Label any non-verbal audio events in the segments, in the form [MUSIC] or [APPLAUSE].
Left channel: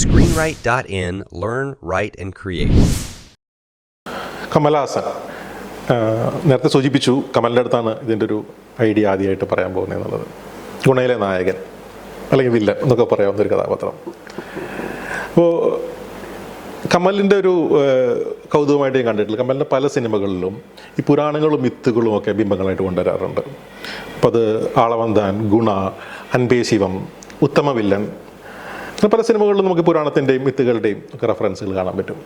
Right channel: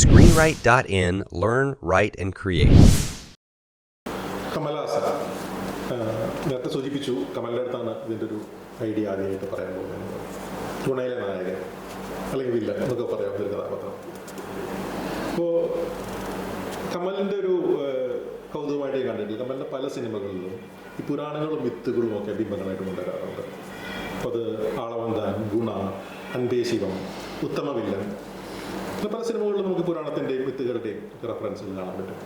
Screenwrite.in Learn, Write, and Create. Kamal Haasan നേരത്തെ സൂചിപ്പിച്ചു കമലിന്റെ അടുത്താണ് ഇതിന്റെ ഒരു ഐഡിയ ആദ്യമായിട്ട് പറയാൻ പോകുന്നത് എന്നുള്ളത്. ഗുണയിലെ നായകൻ അല്ലെങ്കിൽ വില്ലൻ എന്നൊക്കെ പറയാവുന്ന ഒരു കഥാപാത്രം. അപ്പോൾ കമലിന്റെ ഒരു കൗതുകമായിട്ട് ഞാൻ കണ്ടിട്ടില്ല. കമലിന്റെ പല സിനിമകളിലും ഈ പുരാണങ്ങളും മിത്തുകളും ഒക്കെ ബിംബങ്ങളായിട്ട് കൊണ്ടുവരാറുണ്ട്. അപ്പോൾ അത് ആളവന്താൻ ഗുണ അൻപേ ശിവം ഉത്തമ വില്ലൻ പല സിനിമകളിലും നമുക്ക് പുരാണത്തിന്റെയും വിത്തുകളുടെയും ഒക്കെ റെഫറൻസുകൾ കാണാൻ പറ്റും.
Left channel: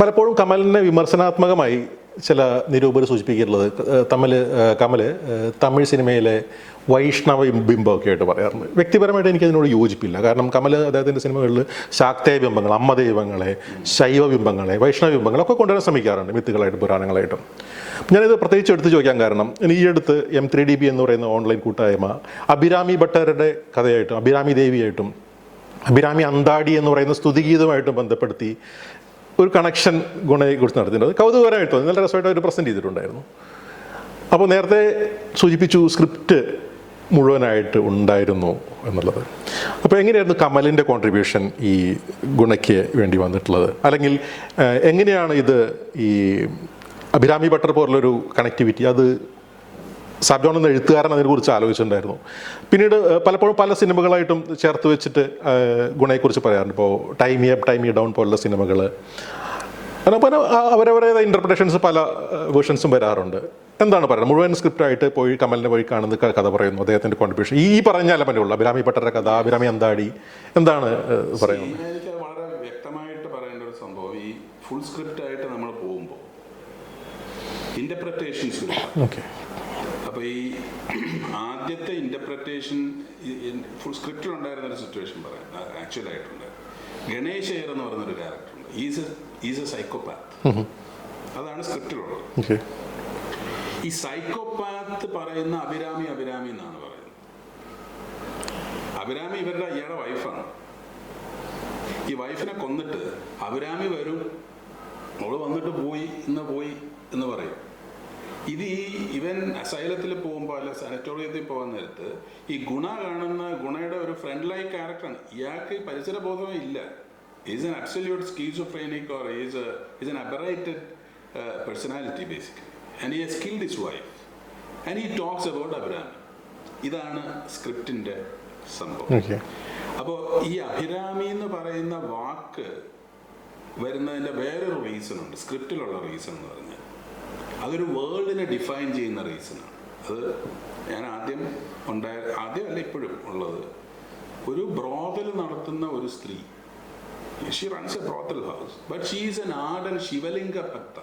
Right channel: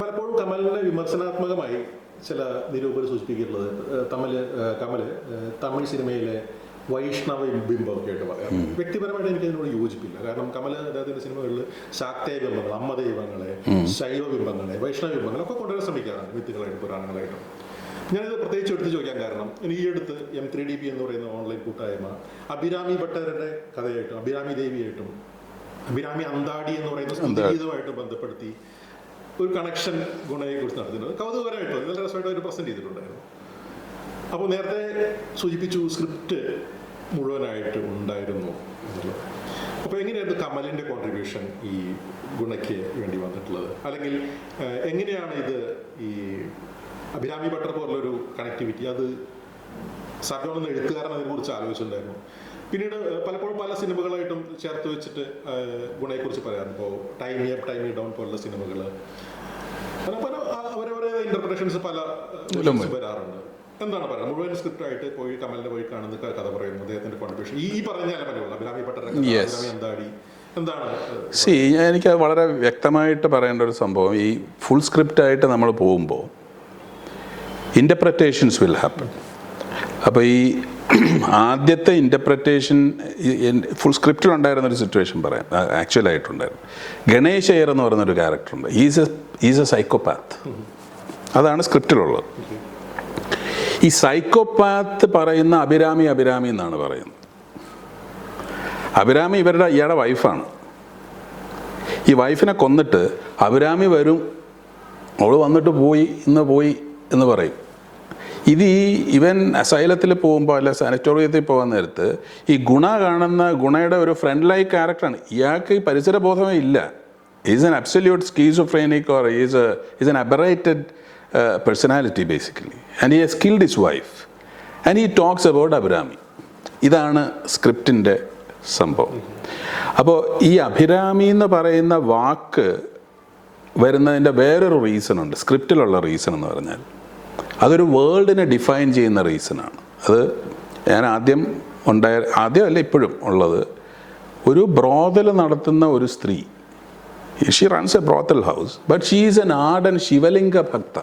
പലപ്പോഴും കമലിനെ വിമർശനാത്മകമായി ചില നിരൂപർ സൂചിപ്പിക്കുന്നത് തമ്മിൽ കമൽ തമിഴ് സിനിമയിലെ വൈഷ്ണവ ബിംബമൊക്കെ ആയിട്ട് പറയാറുണ്ട്. വ്യക്തിപരമായിട്ട് എനിക്ക് അതിനോട് യോജിപ്പില്ല. കാരണം കമൽ അദ്ദേഹത്തിന്റെ സിനിമകളിൽ ശാക്തേയ ബിംബങ്ങൾ അമ്മ ദൈവങ്ങളെ ശൈവ ബിംബങ്ങളെ വൈഷ്ണവ ബിംബങ്ങളൊക്കെ കൊണ്ടുവരാൻ ശ്രമിക്കാറുണ്ട് മിത്തുകളായിട്ടും പുരാണങ്ങളായിട്ടും. ഞാനിത് പ്രത്യേകിച്ച് എടുത്ത് ചോദിക്കാൻ കാരണം ഈ അടുത്ത് എം ത്രീ ഡി ബി എന്ന് പറയുന്ന ഓൺലൈൻ കൂട്ടായ്മ അഭിരാമി ഭട്ടരുടെ കഥയായിട്ടും അഭിരാമി ദേവിയായിട്ടും അഭിരാമി അന്താടി എന്ന് പറയുന്ന സ്തുതിഗീതമായിട്ടും ബന്ധപ്പെടുത്തി ഒരു കണക്ഷൻ ഗുണയെ കുറിച്ച് നടത്തിയിട്ടുണ്ട് കൗതുകരമായിട്ട് നല്ല രസമായിട്ട് അവർ പ്രസന്റ് ചെയ്തിട്ടുണ്ടായിരുന്നു. അപ്പോൾ നേരത്തെ സൂചിപ്പിച്ചു സ്ക്രിപ്റ്റ് മുഴുവനായിട്ട് ഉണ്ടായിരുന്നു എന്നുള്ളത്. അപ്പോൾ എങ്ങനെയായിരുന്നു കമലിന്റെ കോൺട്രിബ്യൂഷൻ ഈ ഗുണയ്ക്ക് വേണ്ടി വന്നിട്ടുള്ളത്? അല്ലെങ്കിൽ ഏഹ്, എങ്ങനെയാണ് ഇത് ഈ അഭിരാമി ഭട്ടർ പോലുള്ളൊരു കണക്ടിവിറ്റി അത് സർജോൺ എന്ന എഴുത്തുകാരൻ അതിനെക്കുറിച്ച് ആലോചിച്ചിട്ടുണ്ടായിരുന്നു. പിന്നീട് പലപ്പോഴും പല സിനിമകളായിട്ടും ചേർത്ത് വെച്ചിട്ട് ഗുണയെക്കുറിച്ച് പറയാറുണ്ട്. ഇപ്പോൾ ടൈം അപ്പ് ടൈം ഡൗൺ പോലുള്ള സിനിമകൾ അങ്ങനെ അവരവരുടെ ഇന്റർപ്രിട്ടേഷൻസ് പല വേർഷൻസും വരാറുണ്ട്. എന്താണ് പറയുന്നത്? മുഴുവൻ സ്ക്രിപ്റ്റ് ആയിട്ട് പോയി കമലിനെ പോയി കാണുന്ന കഥ പറയുന്നു അദ്ദേഹത്തിന്റെ കോൺട്രിബ്യൂഷൻ ഈ പറഞ്ഞാലേ പറ്റുള്ളൂ? അഭിരാമി ഭട്ടരുടെ കഥ അഭിരാമി അന്താടി എന്താണ് എനിക്ക് വളരെ വ്യക്തമായിട്ട് പറയേണ്ട ഒരു സംഭവം ഈ ഫുൾ സ്ക്രിപ്റ്റ് ആയിട്ട് നമ്മൾ പോകുമ്പോൾ ഇന്റർപ്രറ്റേഷൻസ് വിൽ ഹാപ്പൻ അപ്പോൾ ഈ ആദ്യത്തെ ഇന്റർപ്രറ്റേഷൻ ഫുൾ സ്ക്രിപ്റ്റിൽ ഉണ്ടായിരുന്ന ഒരു സിറ്റുവേഷൻ പറയാം. ആക്ച്വൽ ആയിട്ടുണ്ടായിരുന്നു. ഗണേശ് അയ്യർ എന്ന് പറയുന്നൊരു ക്യാരക്ടറുണ്ട് is a is a psychopath അതാണ് സ്ക്രിപ്റ്റിലുള്ളത് ഈ സൈക്കോപാത്ത് പറയുന്ന അഭിരാമി അഭിരാമി എന്നാണ് പറയുന്നത്. അഭിരാമി ഇവരുടെ ഇയാളുടെ വൈഫാണ് ഈ വൈഫിനെ കൊന്നിട്ട് അഭിരാമി വരും അവൾ വന്നിട്ട് പോയി ഇന്ന് പോയി എന്ന് പറയും. ഇത് ഈ ഇവൻ അസൈലത്തിൽ പോകുമ്പോൾ അല്ല സാനിറ്റോറിയത്തിൽ പോകാൻ നേരത്ത് ഈ ഗുണ കാണുന്ന ഗുണയുടെ ഒരു ഫ്രണ്ട് ലൈക്ക് ക്യാരക്ടറാണ് ഇയാൾക്ക് ഈ പരിസരബോധമേ ഇല്ല. Is an absolute schizophrenic or is is an aberrated personality basically and he skilled his wife and he talks about Abhirami ഇതാണ് സ്ക്രിപ്റ്റിന്റെ സംഭവം. അപ്പോൾ ഈ അഭിരാമി എന്ന് പറയുന്ന വാക്ക് വരുന്നതിന്റെ വേറൊരു റീസൺ ഉണ്ട്. സ്ക്രിപ്റ്റിലുള്ള റീസൺ എന്ന് പറഞ്ഞാൽ. അതൊരു വേൾഡിനെ ഡിഫൈൻ ചെയ്യുന്ന റീസണാണ് അത് ഞാൻ ആദ്യം ഉണ്ടായ ആദ്യമല്ല ഇപ്പോഴും ഉള്ളത്. ഒരു ബ്രോതൽ നടത്തുന്ന ഒരു സ്ത്രീ she runs a brothel house but she is an ardent Shivalinga bhakta.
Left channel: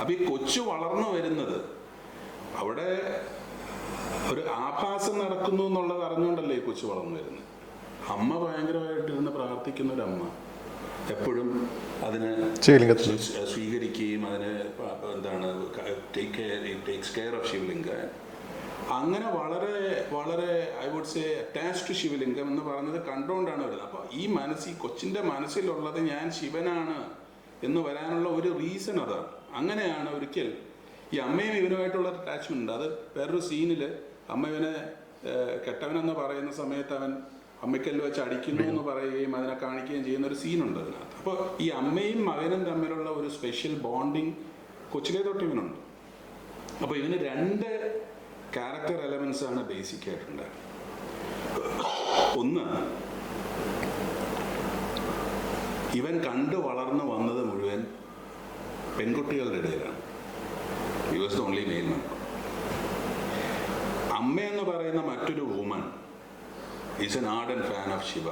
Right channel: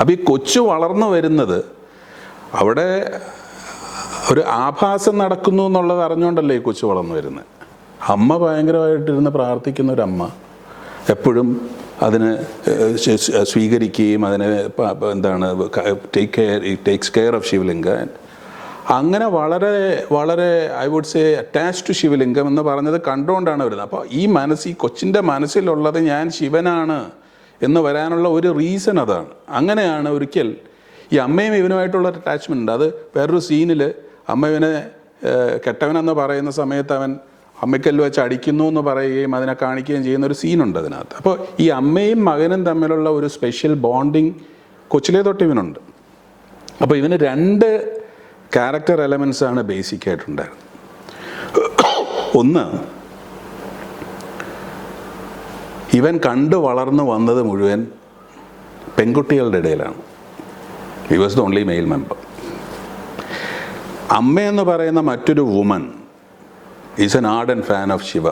അപ്പോൾ ഈ കൊച്ചു വളർന്നു വരുന്നത് അവിടെ ഒരു ആഭാസം നടക്കുന്നു എന്നുള്ളത് അറിഞ്ഞുകൊണ്ടല്ലേ ഈ കൊച്ചു വളർന്നു വരുന്നത്? അമ്മ ഭയങ്കരമായിട്ടിരുന്ന് പ്രാർത്ഥിക്കുന്ന ഒരു അമ്മ എപ്പോഴും അതിന് സ്വ- സ്വീകരിക്കുകയും അതിനെ എന്താണ് take care takes care of Shivalinga. അങ്ങനെ വളരെ വളരെ I would say attach to Shivalingam എന്ന് പറഞ്ഞത് കണ്ടുകൊണ്ടാണ് വരുന്നത്. അപ്പോൾ ഈ മനസ്സ് ഈ കൊച്ചിന്റെ മനസ്സിലുള്ളത് ഞാൻ ശിവനാണ് എന്ന് വരാനുള്ള ഒരു റീസൺ അതാണ്. അങ്ങനെയാണ് ഒരിക്കൽ ഈ അമ്മയും ഇവനുമായിട്ടുള്ള അറ്റാച്ച്മെന്റ് ഉണ്ട്. അത് വേറൊരു സീനിൽ അമ്മ ഇവനെ കെട്ടവനെന്ന് പറയുന്ന സമയത്ത് അവൻ അമ്മയ്ക്കല്ല് വെച്ച് അടിക്കുന്നു എന്ന് പറയുകയും അതിനെ കാണിക്കുകയും ചെയ്യുന്ന ഒരു സീനുണ്ട് അതിനകത്ത്. അപ്പോൾ ഈ അമ്മയും മകനും തമ്മിലുള്ള ഒരു സ്പെഷ്യൽ ബോണ്ടിങ് കൊച്ചിലെ തൊട്ട് ഇവനുണ്ട്. അപ്പോൾ ഇവന് രണ്ട് ക്യാരക്ടർ ആണ് ബേസിക് ആയിട്ടുണ്ടായിരുന്നത്. ഒന്ന് ഇവൻ കണ്ടു വളർന്നു വന്നത് മുഴുവൻ പെൺകുട്ടികളുടെ ഇടയിലാണ്. He was the only male member അമ്മയെന്ന് പറയുന്ന മറ്റൊരു woman is an ardent and fan of Shiva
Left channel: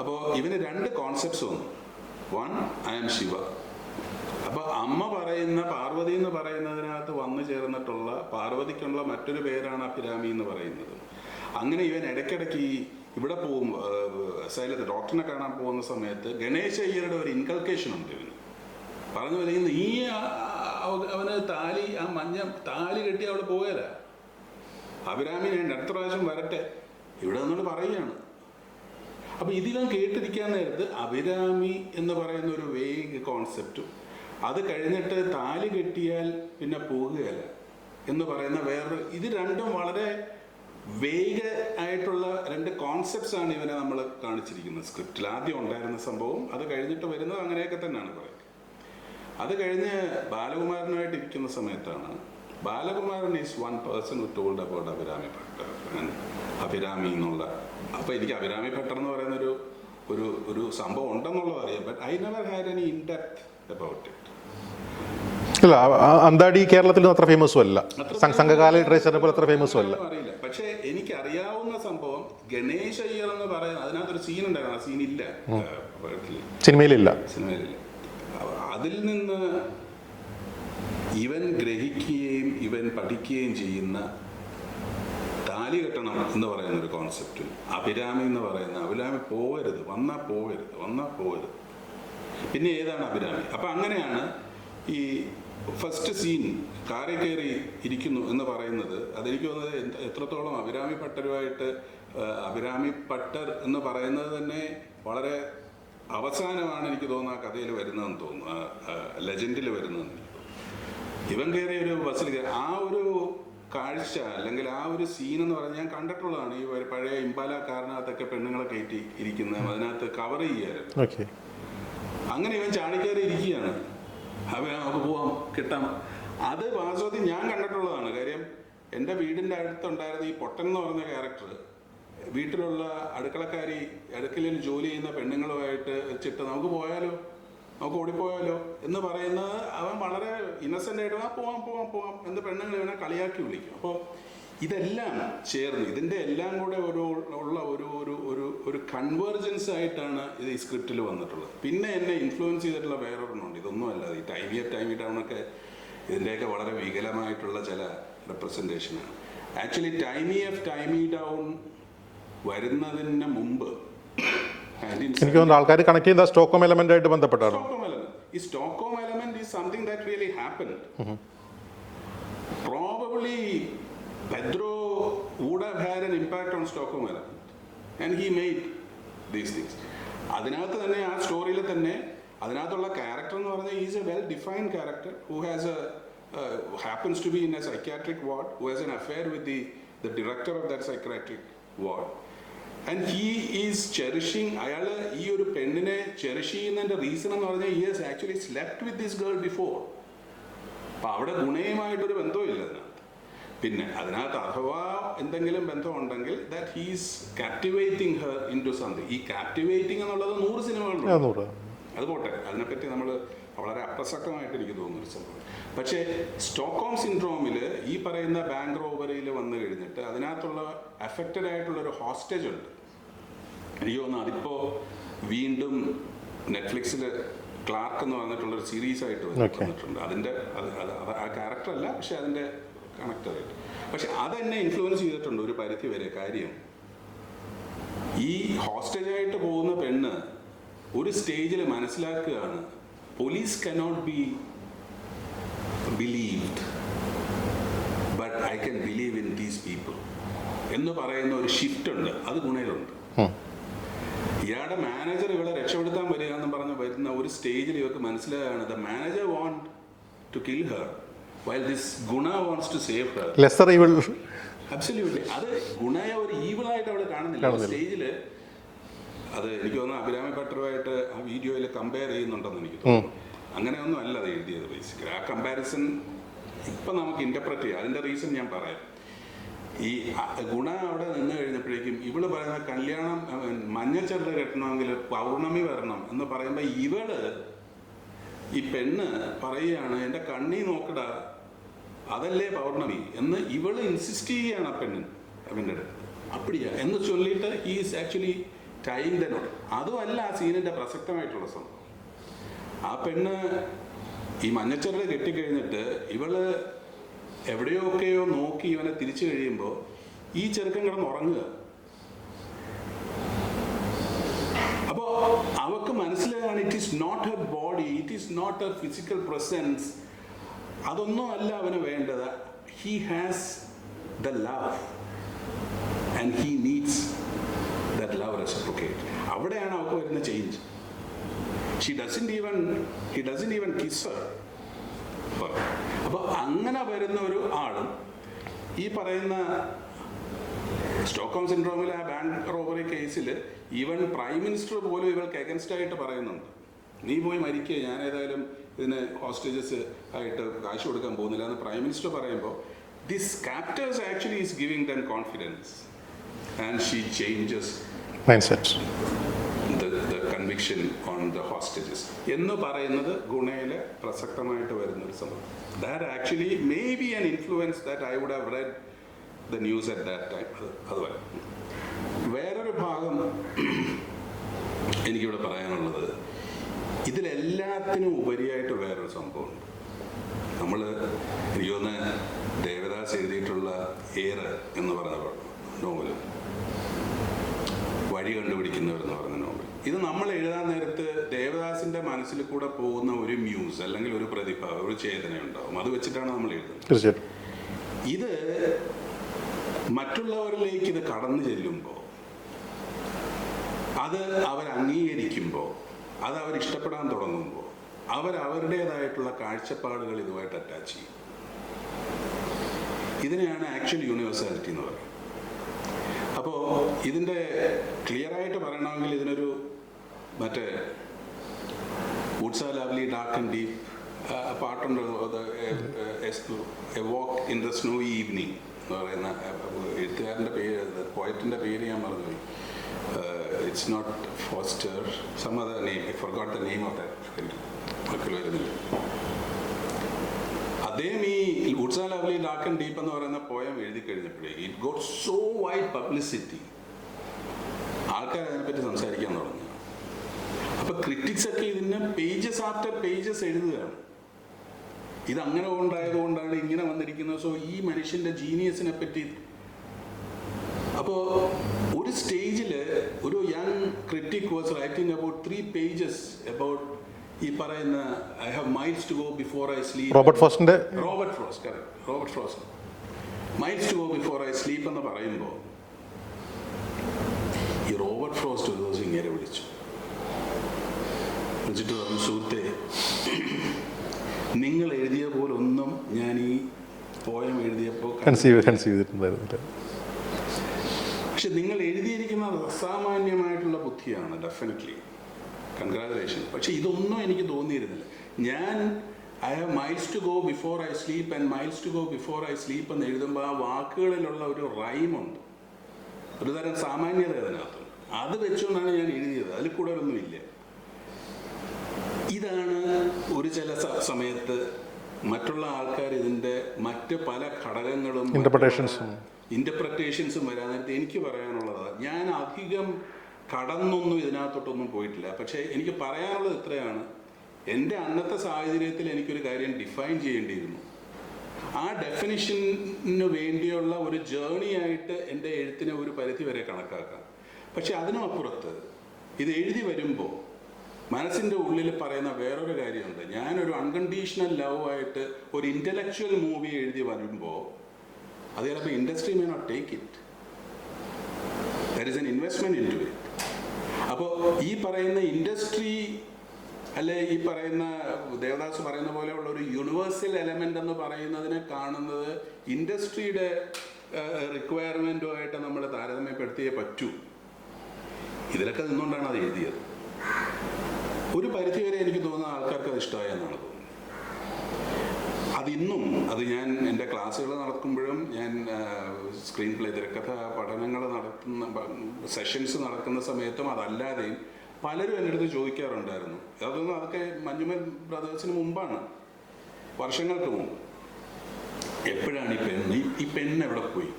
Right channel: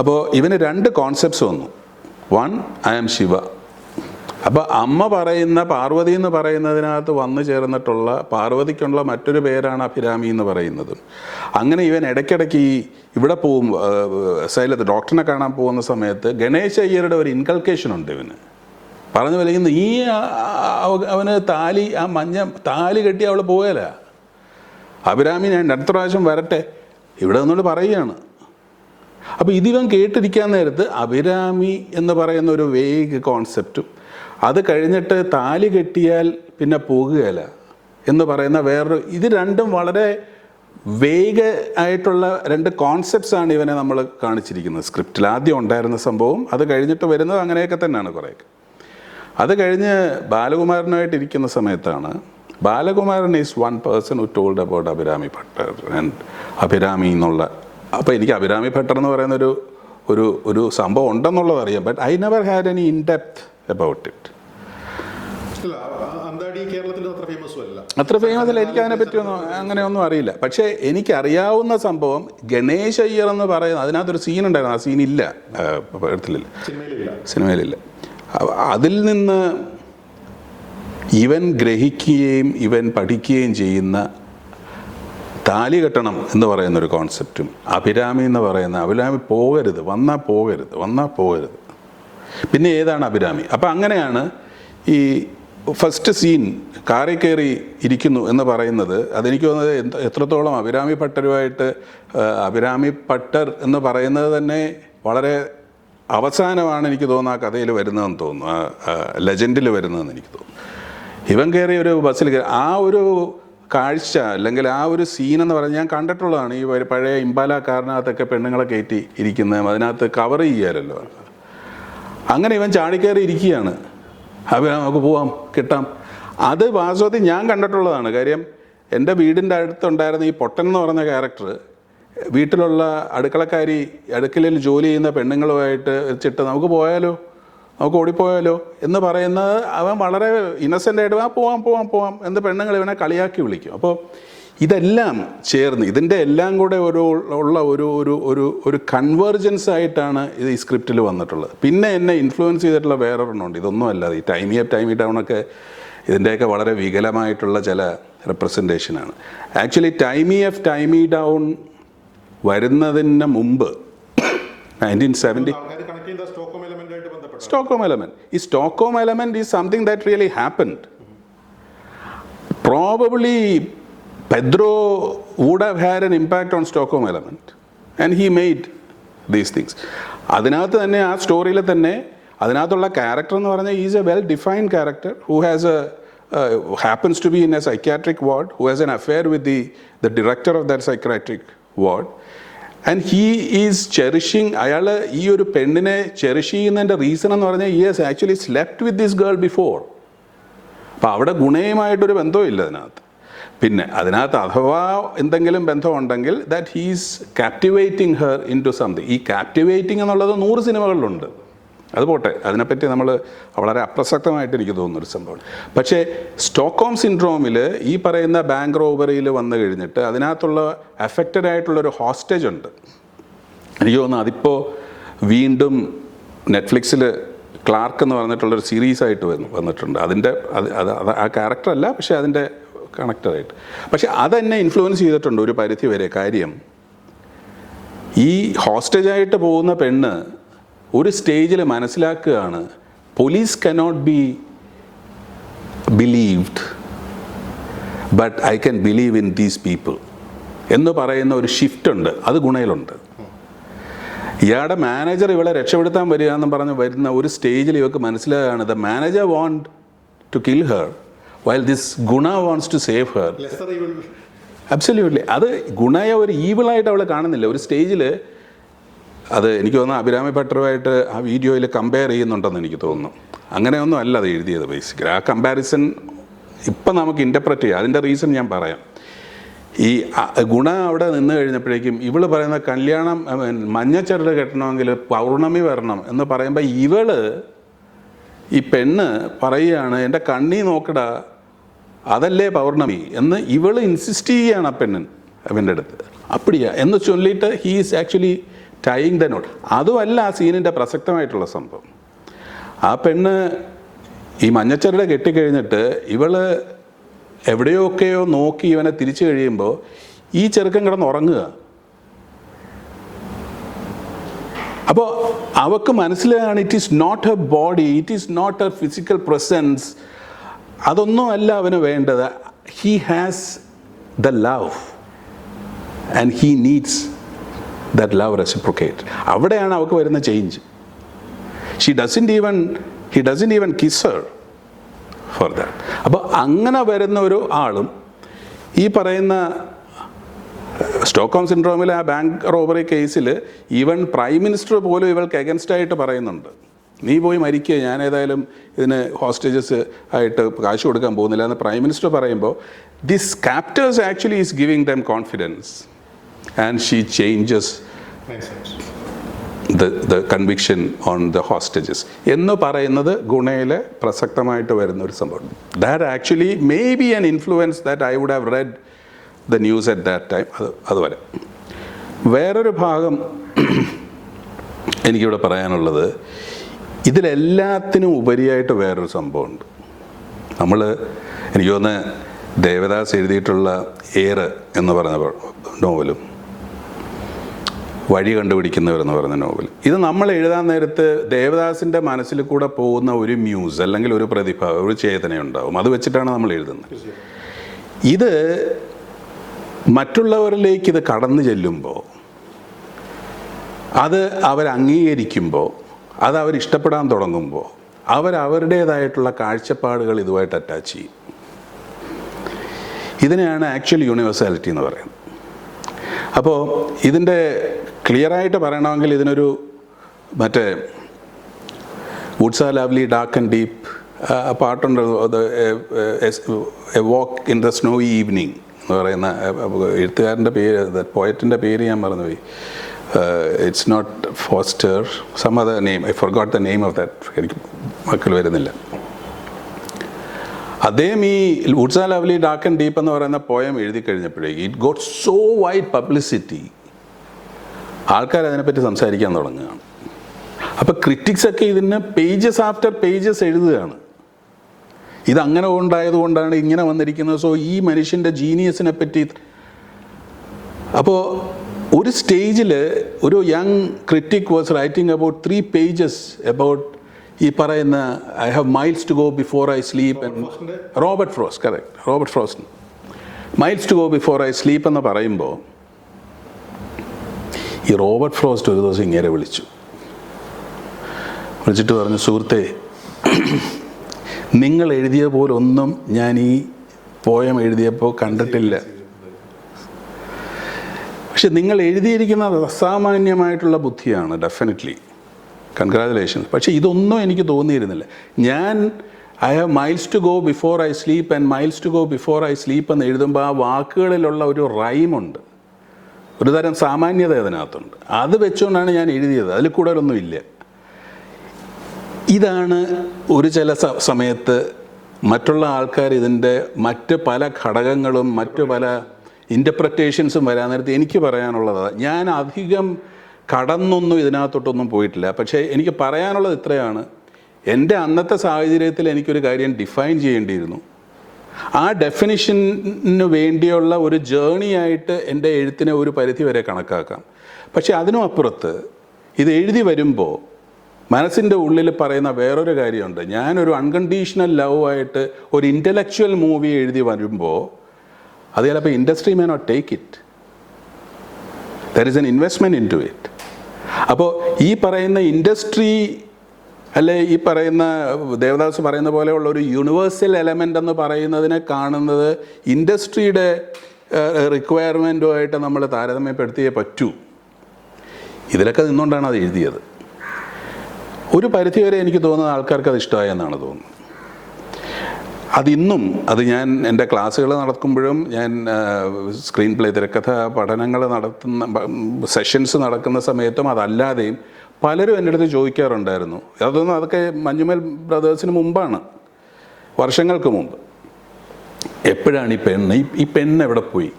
അപ്പോൾ ഇവന് രണ്ട് കോൺസെപ്റ്റ്സ് വന്നു. വൺ ഐ ആം ശിവ അപ്പോൾ അമ്മ പറയുന്ന പാർവതി എന്ന് പറയുന്നതിനകത്ത് വന്നു ചേർന്നിട്ടുള്ള പാർവതിക്കുള്ള മറ്റൊരു പേരാണ് അഭിരാമി എന്ന് പറയുന്നത്. അങ്ങനെ ഇവൻ ഇടയ്ക്കിടയ്ക്ക് ഈ ഇവിടെ പോകും സൈലത്ത് ഡോക്ടറിനെ കാണാൻ പോകുന്ന സമയത്ത് ഗണേശ അയ്യരുടെ ഒരു ഇൻകൾക്കേഷൻ ഉണ്ട് ഇവന്. പറഞ്ഞു വലിക്കുന്ന ഈ അവന് താലി ആ മഞ്ഞ താലി കെട്ടി അവൾ പോകല അഭിരാമി ഞാൻ അടുത്ത പ്രാവശ്യം വരട്ടെ? ഇവിടെ നിന്നോട് പറയുകയാണ്. അപ്പോൾ ഇതിവൻ കേട്ടിരിക്കാൻ നേരത്ത് അഭിരാമി എന്ന് പറയുന്ന ഒരു വേഗ് കോൺസെപ്റ്റും അത് കഴിഞ്ഞിട്ട് താലി കെട്ടിയാൽ പിന്നെ പോകുകയല്ല എന്ന് പറയുന്ന വേറൊരു ഇത് രണ്ടും വളരെ വേഗ ആയിട്ടുള്ള രണ്ട് കോൺസെപ്റ്റ്സ് ആണ് ഇവനെ നമ്മൾ കാണിച്ചിരിക്കുന്നത്. സ്ക്രിപ്റ്റിൽ ആദ്യം ഉണ്ടായിരുന്ന സംഭവം അത് കഴിഞ്ഞിട്ട് വരുന്നത് അങ്ങനെയൊക്കെ തന്നെയാണ് കുറേയൊക്കെ. അത് കഴിഞ്ഞ് ബാലകുമാരനായിട്ടിരിക്കുന്ന സമയത്താണ് Balakumaran is one person who told about Abhirami Bhattar and Abhirami എന്നുള്ള അപ്പോൾ എനിക്ക് അഭിരാമി ഭട്ടർ എന്ന് പറയുന്നൊരു ഒരു ഒരു സംഭവം ഉണ്ടെന്നുള്ളത് അറിയാം but I never had any in depth about it അല്ല അന്താടി കേരളത്തിൽ അത്ര ഫേമസും അല്ല. അത്ര. അങ്ങനെയൊന്നും അറിയില്ല. പക്ഷേ എനിക്ക് അറിയാവുന്ന സംഭവം ഗണേശ് അയ്യർ എന്ന് പറയുന്ന അതിനകത്തൊരു സീൻ ഉണ്ടായിരുന്നു ആ സീൻ ഇല്ല. പടത്തിലില്ല സിനിമയിലില്ല. സിനിമയിലില്ല. അതിൽ നിന്ന് ഇവൻ ഗ്രഹിക്കുകയും ഇവൻ പഠിക്കുകയും ചെയ്യുന്ന താലി കെട്ടണം എന്ന് പറയുന്ന ഒരു കോൺസെപ്റ്റും അഭിരാമി എന്ന് പറയുന്ന അഭിരാമി പോകരുത് വന്നാൽ പോകരുത് വന്നാൽ പോകരുത്. പിന്നെ ഏതാണ് അഭിരാമി? അപ്പം അങ്ങനെയാണ് ഈ ഫസ്റ്റ് സീൻ കാറി കയറി ഇരിക്കുന്നു എന്ന് പറയുന്നത് അതെനിക്ക് തോന്നുന്നത് എത്രത്തോളം അഭിരാമി ഭട്ടരുമായിട്ട് അഭിരാമി ഭട്ടർ എന്ന് പറയുന്നത് തന്നെ വളരെ അവസാനമാണ് എനിക്ക് തോന്നുന്നത് ആ കഥയിൽ വരുന്നതെന്ന് തോന്നുന്നു ലെജൻഡിൽ വരുന്നതെന്ന് എനിക്ക് തോന്നുന്നു. ഇവൻ കയറി ഒരു ബസ്സിൽ കയറി. ആ ഒരു കാഴ്ച അല്ലെങ്കിൽ ആ ഒരു സീൻ എന്ന് പറഞ്ഞാൽ ഞാൻ കണ്ടിട്ടുള്ളതാണ് ഈ പഴയ ഇമ്പാല കാറിനകത്തൊക്കെ പെണ്ണുങ്ങളെ കയറ്റി ഇരിക്കുന്നത് അതിനകത്ത് കവർ ചെയ്യാറല്ലോ ഓക്കെ അങ്ങനെ ഇവൻ ചാടിക്കയറി ഇരിക്കുകയാണ്. അവ നമുക്ക് പോവാം കിട്ടാം. അത് വാസ്തവത്തിൽ ഞാൻ കണ്ടിട്ടുള്ളതാണ്. കാര്യം എന്റെ വീടിന്റെ അടുത്തുണ്ടായിരുന്ന ഈ പൊട്ടൻ എന്ന് പറഞ്ഞ ക്യാരക്ടർ വീട്ടിലുള്ള അടുക്കളക്കാരി അടുക്കളയിൽ ജോലി ചെയ്യുന്ന പെണ്ണുങ്ങളുമായിട്ട് വെച്ചിട്ട് നമുക്ക് പോയാലോ? നമുക്ക് ഓടിപ്പോയാലോ എന്ന് പറയുന്നത് അവൻ വളരെ ഇന്നസെന്റ് ആയിട്ട് ആ പോവാം പോവാം പോവാം എന്ന് പെണ്ണുങ്ങൾ ഇവനെ കളിയാക്കി വിളിക്കും. അപ്പോൾ ഇതെല്ലാം ചേർന്ന് ഇതിന്റെ എല്ലാം കൂടെ ഒരു ഉള്ള ഒരു ഒരു ഒരു ഒരു കൺവേർജൻസ് ആയിട്ടാണ് ഇത് ഈ സ്ക്രിപ്റ്റിൽ വന്നിട്ടുള്ളത്. പിന്നെ എന്നെ ഇൻഫ്ലുവൻസ് ചെയ്തിട്ടുള്ള വേറൊരെണ്ണമുണ്ട്. ഇതൊന്നും അല്ലാതെ ഈ ടൈമി അപ്പ് ടൈമി ഒക്കെ ഇതിന്റെയൊക്കെ വളരെ വികലമായിട്ടുള്ള ചില റെപ്രസെന്റേഷനാണ് actually tie me up tie me down വരുന്നതിന് മുമ്പ് നയന്റീൻ സെവന്റി ആൾക്കാർ കണക്ട് ചെയ്യുന്ന സ്റ്റോക്കോം എലമെന്റ് ആയിട്ട് ബന്ധപ്പെട്ടാണ് Stockholm element. ഈ Stockholm element is something that really happened. Probably Pedro would have had an impact on Stockholm element. And he made these things. അതിനകത്ത് തന്നെ ആ സ്റ്റോറിയിൽ തന്നെ അതിനകത്തുള്ള ക്യാരക്ടർ എന്ന് പറഞ്ഞാൽ is a well defined character who has a happens to be in a psychiatric ward who has an affair with the the director of that psychiatric ward and he is cherishing അയാൾ ഈ ഒരു പെണ്ണിനെ cherish ചെയ്യുന്നതിന്റെ reason എന്ന് പറഞ്ഞാൽ he has actually slept with this girl before അപ്പം അവിടെ ഗുണയുമായിട്ടൊരു ബന്ധവും ഇല്ല അതിനകത്ത്. പിന്നെ അതിനകത്ത് അഥവാ എന്തെങ്കിലും ബന്ധമുണ്ടെങ്കിൽ that he's captivating her into something ഈ കാപ്റ്റിവേറ്റിംഗ് എന്നുള്ളത് നൂറ് സിനിമകളിലുണ്ട്. അത് പോട്ടെ. അതിനെപ്പറ്റി നമ്മൾ വളരെ അപ്രസക്തമായിട്ട് എനിക്ക് തോന്നുന്ന ഒരു സംഭവമാണ് പക്ഷേ സ്റ്റോക്കോം സിൻഡ്രോമിൽ ഈ പറയുന്ന ബാങ്ക് റോബറിയിൽ വന്നു കഴിഞ്ഞിട്ട് അതിനകത്തുള്ള അഫക്റ്റഡ് ആയിട്ടുള്ളൊരു ഹോസ്റ്റേജ് ഉണ്ട്. എനിക്ക് തോന്നുന്നു അതിപ്പോൾ വീണ്ടും നെറ്റ്ഫ്ലിക്സിൽ ക്ലാർക്ക് എന്ന് പറഞ്ഞിട്ടുള്ളൊരു സീരീസ് ആയിട്ട് വന്നിട്ടുണ്ട്. അതിന്റെ അത് അത് അത് ആ ക്യാരക്ടറല്ല പക്ഷേ അതിന്റെ കണക്റ്റഡായിട്ട് പക്ഷേ അതെന്നെ ഇൻഫ്ലുവൻസ് ചെയ്തിട്ടുണ്ട് ഒരു പരിധി വരെ കാര്യം. ഈ ഹോസ്റ്റേജായിട്ട് പോകുന്ന പെണ്ണ് ഒരു സ്റ്റേജിൽ മനസ്സിലാക്കുകയാണ് police cannot be believed but I can believe in these people എന്ന് പറയുന്ന ഒരു ഷിഫ്റ്റ് ഉണ്ട് അത് ഗുണയിലുണ്ട്. ഇയാളുടെ മാനേജർ ഇവളെ രക്ഷപ്പെടുത്താൻ വരിക എന്ന് പറഞ്ഞ് വരുന്ന ഒരു സ്റ്റേജിൽ ഇവർക്ക് മനസ്സിലാകാണ് the manager want to kill her while this Guna wants to save her lesser evil absolutely അത് ഗുണയെ ഒരു ഈവിളായിട്ട് അവൾ കാണുന്നില്ല. ഒരു സ്റ്റേജിൽ അത് എനിക്ക് തോന്നുന്നു അഭിരാമി ഭട്ടറുമായിട്ട് ആ വീഡിയോയിൽ കമ്പയർ ചെയ്യുന്നുണ്ടെന്ന് എനിക്ക് തോന്നുന്നു. അങ്ങനെയൊന്നും അല്ല അത് എഴുതിയത് ബേസിക്കലി ആ കമ്പാരിസൺ ഇപ്പം നമുക്ക് ഇന്റർപ്രറ്റ് ചെയ്യാം. അതിന്റെ റീസൺ ഞാൻ പറയാം. ഈ ഗുണ അവിടെ നിന്ന് കഴിഞ്ഞപ്പോഴേക്കും ഇവൾ പറയുന്ന കല്യാണം മഞ്ഞച്ചരട് കെട്ടണമെങ്കിൽ പൗർണമി വരണം എന്ന് പറയുമ്പോൾ ഇവൾ ഈ പെണ്ണ് പറയുകയാണ് എന്റെ കണ്ണി നോക്കടാ അതല്ലേ പൗർണമി? എന്ന് ഇവൾ ഇൻസിസ്റ്റ് ചെയ്യുകയാണ് ആ പെണ്ണൻ അവന്റെ അടുത്ത്. അപ്പടിയാ. എന്ന് ചൊല്ലിയിട്ട് he is actually tying the knot അതുമല്ല ആ സീനിന്റെ പ്രസക്തമായിട്ടുള്ള സംഭവം. ആ പെണ്ണ് ഈ മഞ്ഞച്ചരട് കെട്ടിക്കഴിഞ്ഞിട്ട് ഇവൾ എവിടെയൊക്കെയോ നോക്കി ഇവനെ തിരിച്ചു കഴിയുമ്പോൾ ഈ ചെറുക്കൻ കിടന്ന് ഉറങ്ങുക. അപ്പോൾ അവക്ക് മനസ്സിലാകാണ് it is not a body it is not a physical presence അതൊന്നും അല്ല അവന് വേണ്ടത്. He has the love and he needs that love reciprocate അവിടെയാണ് അവൾക്ക് വരുന്ന change she doesn't even he doesn't even kiss for that അപ്പോൾ അങ്ങനെ വരുന്ന ഒരു ആളും ഈ പറയുന്ന സ്റ്റോക്കോം സിൻഡ്രോമിൽ ആ ബാങ്ക് റോബറി കേസിൽ ഈവൻ പ്രൈം മിനിസ്റ്റർ പോലും ഇവൾക്ക് എഗൻസ്റ്റ് ആയിട്ട് പറയുന്നുണ്ട്. നീ പോയി മരിക്കുക ഞാൻ ഏതായാലും ഇതിന് ഹോസ്റ്റേജസ് ആയിട്ട് കാശ് കൊടുക്കാൻ പോകുന്നില്ല എന്ന് പ്രൈം മിനിസ്റ്റർ പറയുമ്പോൾ this captors actually is giving them confidence and she changes the conviction on the hostages എന്ന് പറയുന്നത് ഗുണയിലെ പ്രസക്തമായിട്ട് വരുന്ന ഒരു സംഭവം. That actually may be an influence that I would have read the news at that time അത് അതുപോലെ. വേറൊരു ഭാഗം [CLEARS THROAT] എനിക്കിവിടെ പറയാനുള്ളത്. ഇതിലെല്ലാത്തിനും ഉപരിയായിട്ട് വേറൊരു സംഭവമുണ്ട്. നമ്മൾ എനിക്ക് തോന്നുന്നത് ദേവദാസ് എഴുതിയിട്ടുള്ള ഏറ് എന്ന് പറഞ്ഞ നോവലും. വഴി കണ്ടുപിടിക്കുന്നവർ എന്ന് പറയുന്ന നോവൽ. ഇത് നമ്മൾ എഴുതാൻ നേരത്ത് ദേവദാസിന്റെ മനസ്സിൽ കൂടെ പോകുന്ന ഒരു മ്യൂസ് അല്ലെങ്കിൽ ഒരു പ്രതിഭ ഒരു ചേതനയുണ്ടാവും അത് വെച്ചിട്ടാണ് നമ്മൾ എഴുതുന്നത്. ഇത് മറ്റുള്ളവരിലേക്ക് ഇത് കടന്നു ചെല്ലുമ്പോൾ അത് അവർ അംഗീകരിക്കുമ്പോൾ അത് അവർ ഇഷ്ടപ്പെടാൻ തുടങ്ങുമ്പോൾ അവർ അവരുടേതായിട്ടുള്ള കാഴ്ചപ്പാടുകൾ ഇതുമായിട്ട് അറ്റാച്ച് ചെയ്യും. ഇതിനെയാണ് ആക്ച്വൽ യൂണിവേഴ്സാലിറ്റി എന്ന് പറയുന്നത്. അപ്പോൾ ഇതിന്റെ ക്ലിയറായിട്ട് പറയണമെങ്കിൽ ഇതിനൊരു മറ്റേ woods are lovely dark and deep പാട്ടുണ്ട് a walk in the snow evening എന്ന് പറയുന്ന എഴുത്തുകാരന്റെ പേര് പോയറ്റിന്റെ പേര് ഞാൻ മറന്നുപോയി. It's not Foster some other name I forgot the name of that എനിക്ക് മക്കൾ വരുന്നില്ല. അദ്ദേഹം ഈ woods are lovely dark and deep എന്ന് പറയുന്ന പോയം എഴുതി കഴിഞ്ഞപ്പോഴേക്ക് it got so wide publicity ആൾക്കാർ അതിനെപ്പറ്റി സംസാരിക്കാൻ തുടങ്ങുകയാണ്. അപ്പോൾ ക്രിറ്റിക്സ് ഒക്കെ ഇതിന് പേജസ് ആഫ്റ്റർ പേജസ് എഴുതുകയാണ്. ഇത് അങ്ങനെ ഉണ്ടായത് കൊണ്ടാണ് ഇങ്ങനെ വന്നിരിക്കുന്നത്. സോ ഈ മനുഷ്യന്റെ ജീനിയസിനെ പറ്റി അപ്പോൾ ഒരു സ്റ്റേജിൽ ഒരു young critic was writing about three pages about ഈ പറയുന്ന I have miles to go before I sleep Robert ഫ്രോസ്റ്റിന്റെ Robert Frost correct Robert Frost miles to go before I sleep എന്ന് പറയുമ്പോൾ ഈ റോബർട്ട് ഫ്രോസ്റ്റ് ഒരു ദിവസം ഇങ്ങനെ വിളിച്ചു. വിളിച്ചിട്ട് പറഞ്ഞു സുഹൃത്തെ നിങ്ങൾ എഴുതിയ പോലെ ഒന്നും ഞാൻ ഈ പോയം എഴുതിയപ്പോൾ കണ്ടിട്ടില്ല. പക്ഷെ നിങ്ങൾ എഴുതിയിരിക്കുന്നത് അസാമാന്യമായിട്ടുള്ള ബുദ്ധിയാണ് ഡെഫിനറ്റ്ലി കൺഗ്രാജുലേഷൻസ് പക്ഷേ ഇതൊന്നും എനിക്ക് തോന്നിയിരുന്നില്ല. ഞാൻ I have miles to go before I sleep and miles to go before I sleep എന്ന് എഴുതുമ്പോൾ ആ വാക്കുകളിലുള്ള ഒരു റൈമുണ്ട്. ഒരു തരം സാമാന്യത അതിനകത്തുണ്ട്. അത് വെച്ചുകൊണ്ടാണ് ഞാൻ എഴുതിയത്. അതിൽ കൂടുതലൊന്നും ഇല്ല. ഇതാണ് ഒരു ചില സമയത്ത് മറ്റുള്ള ആൾക്കാർ ഇതിന്റെ മറ്റ് പല ഘടകങ്ങളും മറ്റു പല ഇന്റർപ്രറ്റേഷൻസും വരാൻ നേരത്ത് എനിക്ക് പറയാനുള്ളത്. ഞാൻ അധികം കടന്നൊന്നും ഇതിനകത്തോട്ടൊന്നും പോയിട്ടില്ല. പക്ഷേ എനിക്ക് പറയാനുള്ളത് ഇത്രയാണ്. എന്റെ അന്നത്തെ സാഹചര്യത്തിൽ എനിക്കൊരു കാര്യം ഡിഫൈൻ ചെയ്യേണ്ടിയിരുന്നു. ആ ഡെഫിനിഷന് വേണ്ടിയുള്ള ഒരു ജേണി ആയിട്ട് എന്റെ എഴുത്തിനെ ഒരു പരിധി വരെ കണക്കാക്കാം. പക്ഷേ അതിനും അപ്പുറത്ത് ഇത് എഴുതി വരുമ്പോൾ മനസ്സിന്റെ ഉള്ളിൽ പറയുന്ന വേറൊരു കാര്യമുണ്ട്. ഞാനൊരു അൺകണ്ടീഷണൽ ലവ് ആയിട്ട് ഒരു ഇന്റലക്ച്വൽ മൂവി എഴുതി വരുമ്പോൾ അത് ചിലപ്പോൾ industry may not take it there is an investment into it അപ്പോൾ ഈ പറയുന്ന ഇൻഡസ്ട്രി അല്ലെ ഈ പറയുന്ന ദേവദാസ് പറയുന്ന പോലെയുള്ള ഒരു യൂണിവേഴ്സൽ എലമെന്റ് എന്ന് പറയുന്നതിനെ കാണുന്നത് ഇൻഡസ്ട്രിയുടെ റിക്വയർമെന്റുമായിട്ട് നമ്മൾ താരതമ്യപ്പെടുത്തിയേ പറ്റൂ. ഇതിലൊക്കെ നിന്നുകൊണ്ടാണ് അത് എഴുതിയത്. ഒരു പരിധിവരെ എനിക്ക് തോന്നുന്ന ആൾക്കാർക്ക് അത് ഇഷ്ടമായെന്നാണ് തോന്നുന്നത്. അതിന്നും അത് ഞാൻ എന്റെ ക്ലാസ്സുകൾ നടക്കുമ്പോഴും ഞാൻ സ്ക്രീൻ പ്ലേ തിരക്കഥ പഠനങ്ങൾ നടത്തുന്ന സെഷൻസ് നടക്കുന്ന സമയത്തും അതല്ലാതെയും പലരും എന്റെ അടുത്ത് ചോദിക്കാറുണ്ടായിരുന്നു. അതൊന്നും അതൊക്കെ മഞ്ഞുമൽ ബ്രദേഴ്സിന് മുമ്പാണ്. വർഷങ്ങൾക്ക് മുമ്പ്. എപ്പോഴാണ് ഈ പെണ്ണ്? ഈ- പെണ്ണ് എവിടെ പോയി?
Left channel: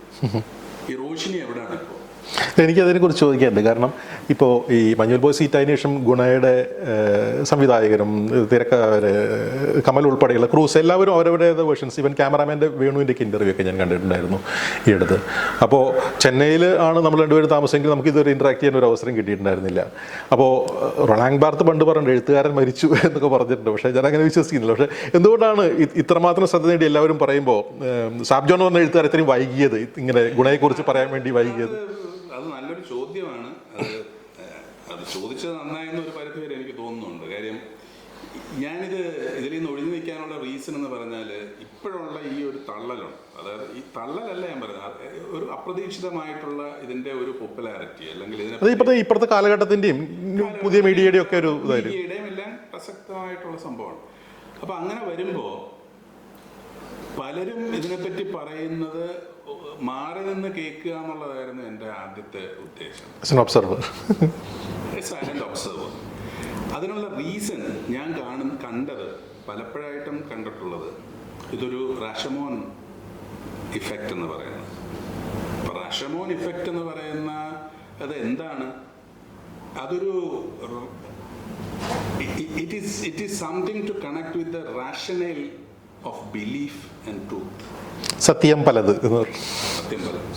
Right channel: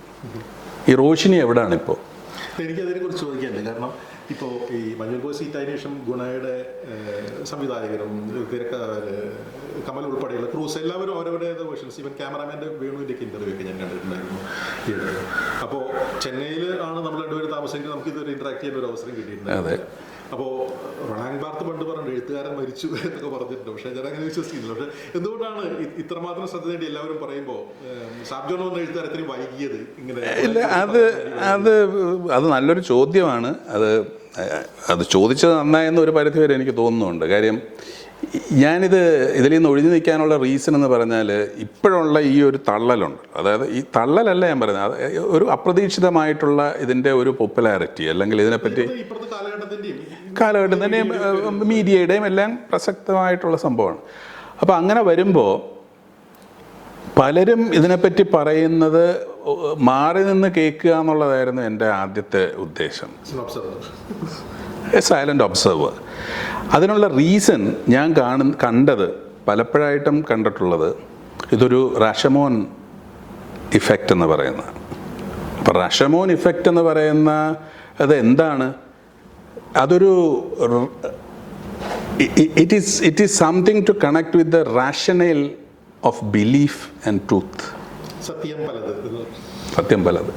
ഈ റോഷിനി എവിടെയാണ് ഇപ്പോൾ എനിക്ക് അതിനെക്കുറിച്ച് ചോദിക്കാറുണ്ട് കാരണം ഇപ്പോൾ ഈ മഞ്ഞുൽ ബോയ് സീറ്റായതിനു ശേഷം ഗുണയുടെ സംവിധായകരും തിരക്ക കമൽ ഉൾപ്പെടെയുള്ള ക്രൂസ് എല്ലാവരും അവരവരുടെ വേർഷൻസ് ഇവൻ ക്യാമറാമാന്റെ വേണുവിന്റെ ഇന്റർവ്യൂ ഒക്കെ ഞാൻ കണ്ടിട്ടുണ്ടായിരുന്നു ഈ അടുത്ത്. അപ്പോൾ ചെന്നൈയിൽ ആണ് നമ്മൾ രണ്ടുപേരും താമസമെങ്കിൽ നമുക്ക് ഇതൊരു ഇൻട്രാക്ട് ചെയ്യാൻ ഒരു അവസരം കിട്ടിയിട്ടുണ്ടായിരുന്നില്ല. അപ്പോൾ റൊണാങ് ബാർത്ത് പണ്ട് പറഞ്ഞു എഴുത്തുകാരൻ മരിച്ചു [LAUGHS] എന്നൊക്കെ പറഞ്ഞിട്ടുണ്ട്. പക്ഷേ ഞാൻ അങ്ങനെ വിശ്വസിക്കുന്നില്ല. പക്ഷേ എന്തുകൊണ്ടാണ് ഇത്രമാത്രം ശ്രദ്ധ നേടി എല്ലാവരും പറയുമ്പോൾ സാബ്ജോൺ എന്ന പറഞ്ഞ എഴുത്തുകാർ ഇത്രയും വൈകിയത്? ഇങ്ങനെ ഗുണയെക്കുറിച്ച് പറയാൻ വേണ്ടി വൈകിയത്? അത് നല്ലൊരു ചോദ്യമാണ്. അത് അത് ചോദിച്ചത് നന്നായെന്ന് ഒരു പരിധി വരെ എനിക്ക് തോന്നുന്നുണ്ട്. കാര്യം ഞാനിത് ഇതിൽ നിന്ന് ഒഴിഞ്ഞു നിൽക്കാനുള്ള റീസൺ എന്ന് പറഞ്ഞാൽ ഇപ്പോഴുള്ള ഈ ഒരു തള്ളലുണ്ട്. അതായത് ഈ തള്ളലല്ല ഞാൻ പറയുന്നത്. ഒരു അപ്രതീക്ഷിതമായിട്ടുള്ള ഇതിന്റെ ഒരു പോപ്പുലാരിറ്റി അല്ലെങ്കിൽ ഇതിനെ ഇതിനെപ്പറ്റി ഇപ്പോഴത്തെ കാലഘട്ടത്തിന്റെയും കാലഘട്ടത്തിന്റെയും മീഡിയയുടെയും എല്ലാം പ്രസക്തമായിട്ടുള്ള സംഭവമാണ്. അപ്പോൾ അങ്ങനെ വരുമ്പോൾ പലരും ഇതിനെപ്പറ്റി പറയുന്നത് മാറി നിന്ന് കേൾക്കുക എന്നുള്ളതായിരുന്നു എന്റെ ആദ്യത്തെ ഉദ്ദേശം. ഒബ്സർവർ എ സൈലന്റ് ഒബ്സർവർ അതിനുള്ള റീസൺ ഞാൻ കാണുന്ന കണ്ടത് പലപ്പോഴായിട്ടും കണ്ടിട്ടുള്ളത് ഇതൊരു റഷമോൻ ഇഫക്റ്റ് എന്ന് പറയുന്നത്. അപ്പോൾ റഷമോൻ ഇഫക്റ്റ് എന്ന് പറയുന്ന അത് എന്താണ് അതൊരു it is it is something to connect with the rational of belief and truth സത്യം പലത്. സത്യം പലത്.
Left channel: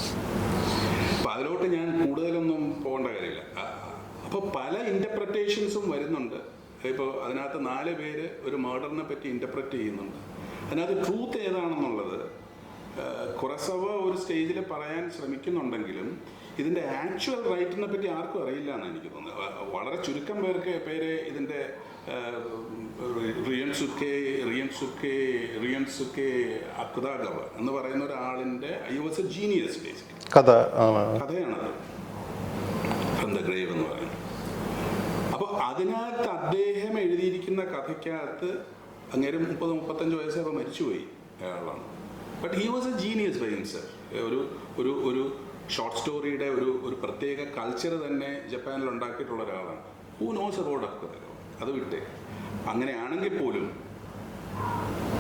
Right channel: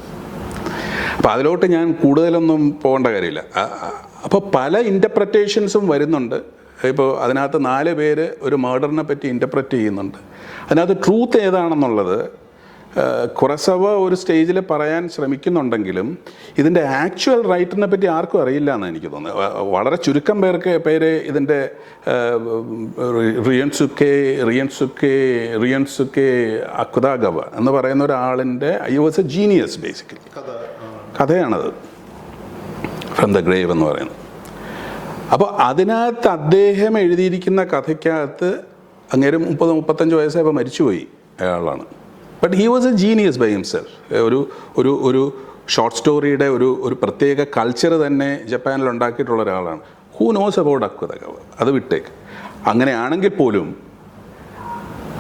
അപ്പോൾ അതിലോട്ട് ഞാൻ കൂടുതലൊന്നും പോകേണ്ട കാര്യമില്ല. അപ്പോൾ പല ഇന്റർപ്രറ്റേഷൻസും വരുന്നുണ്ട്. ഇപ്പോൾ അതിനകത്ത് നാല് പേര് ഒരു മേർഡറിനെ പറ്റി ഇന്റർപ്രറ്റ് ചെയ്യുന്നുണ്ട്. അതിനകത്ത് ട്രൂത്ത് ഏതാണെന്നുള്ളത് കുറസവ ഒരു സ്റ്റേജിൽ പറയാൻ ശ്രമിക്കുന്നുണ്ടെങ്കിലും ഇതിന്റെ ആക്ച്വൽ റൈറ്റിനെ പറ്റി ആർക്കും അറിയില്ല എന്ന് എനിക്ക് തോന്നുന്നത്. വളരെ ചുരുക്കം പേർക്ക് പേര് ഇതിന്റെ റിയൻസുക്കെ റിയൻസുക്കെ റിയൻസുക്കെ അക്കുദാഗവ എന്ന് പറയുന്ന ഒരാളിന്റെ I was a genius basically കഥ കഥയാണത്. ഫ്രം ദ ഗ്രേവ് എന്ന് പറയുന്നത്. അപ്പോൾ അതിനകത്ത് അദ്ദേഹം എഴുതിയിരിക്കുന്ന കഥയ്ക്കകത്ത് അങ്ങേരും മുപ്പത് മുപ്പത്തഞ്ച് വയസ്സായപ്പോൾ മരിച്ചുപോയി അയാളാണ്. But he was a genius by himself ഒരു ഒരു ഒരു ഷോർട്ട് സ്റ്റോറിയുടെ ഒരു ഒരു പ്രത്യേക കൾച്ചർ തന്നെ ജപ്പാനിൽ ഉണ്ടാക്കിയിട്ടുള്ള ഒരാളാണ്. ഹൂ നോസ് അബൌട്ട് അക്വതകവ അത് വിട്ടേക്ക്. അങ്ങനെയാണെങ്കിൽ പോലും